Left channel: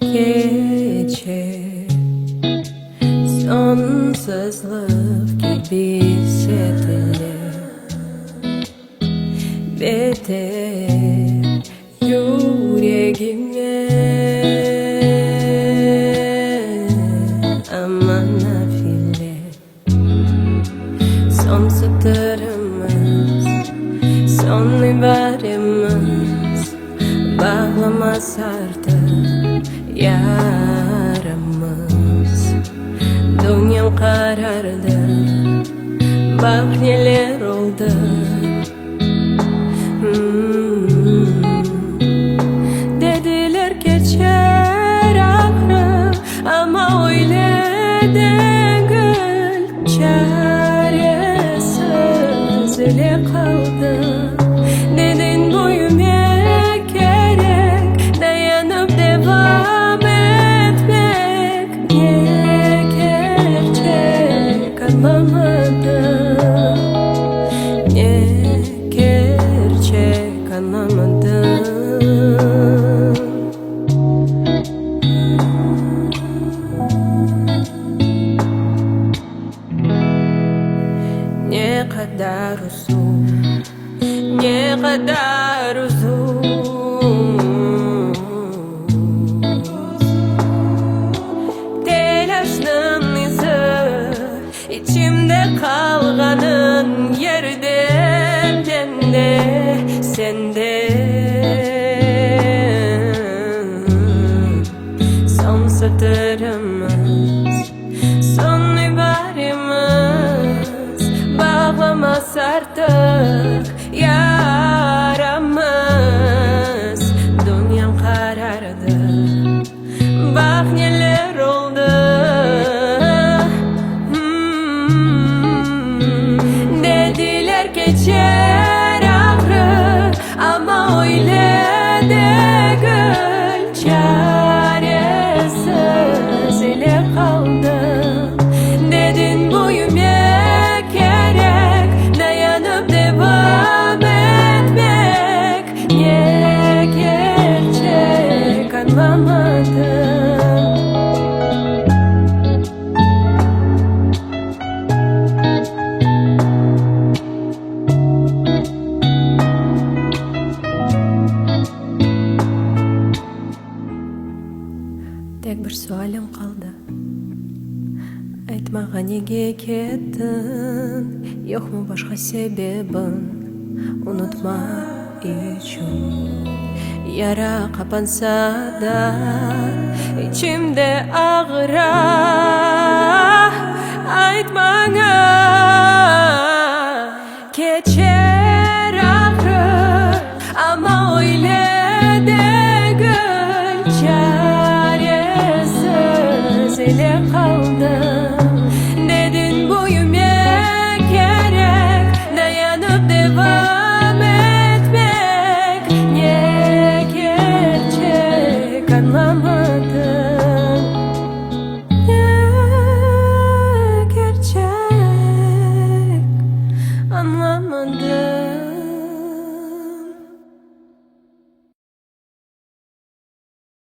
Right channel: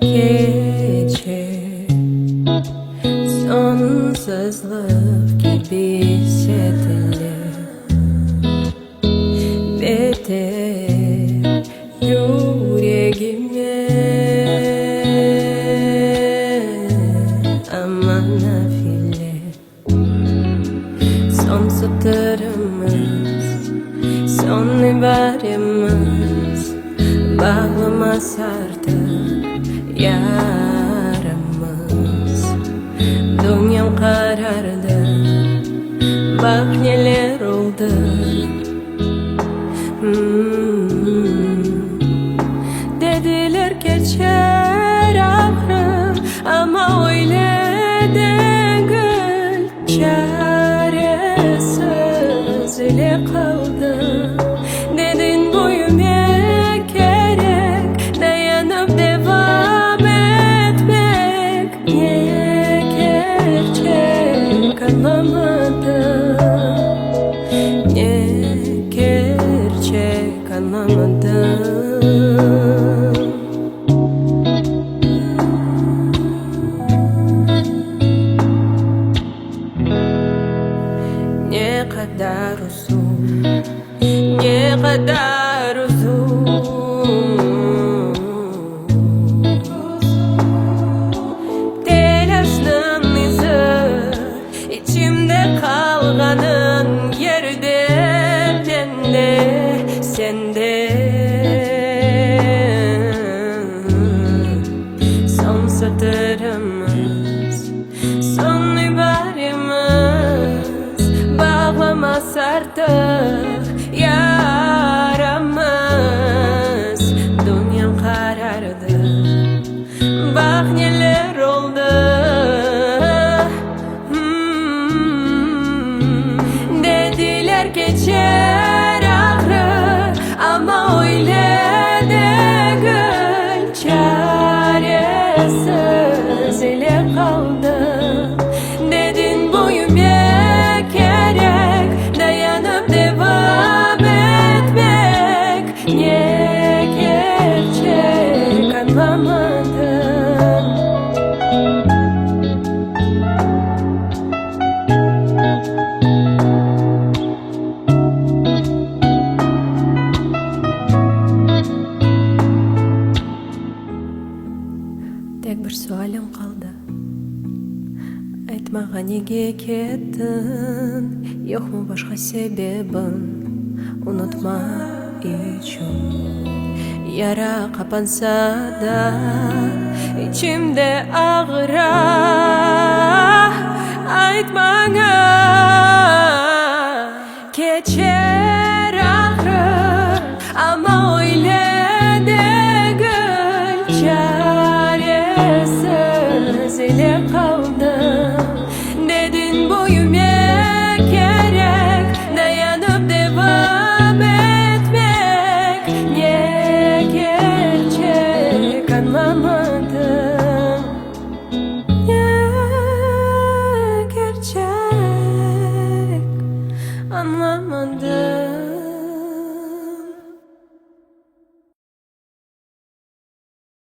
gece sonsuzluk gibi hissedilir. Beter yüreğime aman nafile. Son satırımız, son ibaremiz, bağlamaz artık yaramız. Dünyam karardı, bak neler oldu. Dediler geçer ağrım, ama öyle değil. Çaresiz ile kaldım. Dedin büyümek gerek, dayanıp devam etmek. Niye gerçek anlamadım, niye gerçek anlamadım. Ne kadar uzun, ne kadar uzun telaşının izi, içimde kalganın yerde bende, sende. Son satırımız, son ibaremiz, bağlamaz artık yaramız. Dünyam karardı, bak neler oldu. Dediler geçer ağrı, ama öyle değil. Çaresiz ile kaldım. Dedin büyümek gerek, dayanıp devam etmek. Niye gerçek anlamadım. Tek bir sualim kaldı. Айтмаға неге кеттің? Yok mu başka sebebin? Unutma için. Yara kapansa da içimde ağıra. Айтмаға geçer ağrı, ama öyle değil. Çaresiz ile kaldım. Dedin büyümek gerek, dayanıp devam etmek. Niye gerçek anlamadım.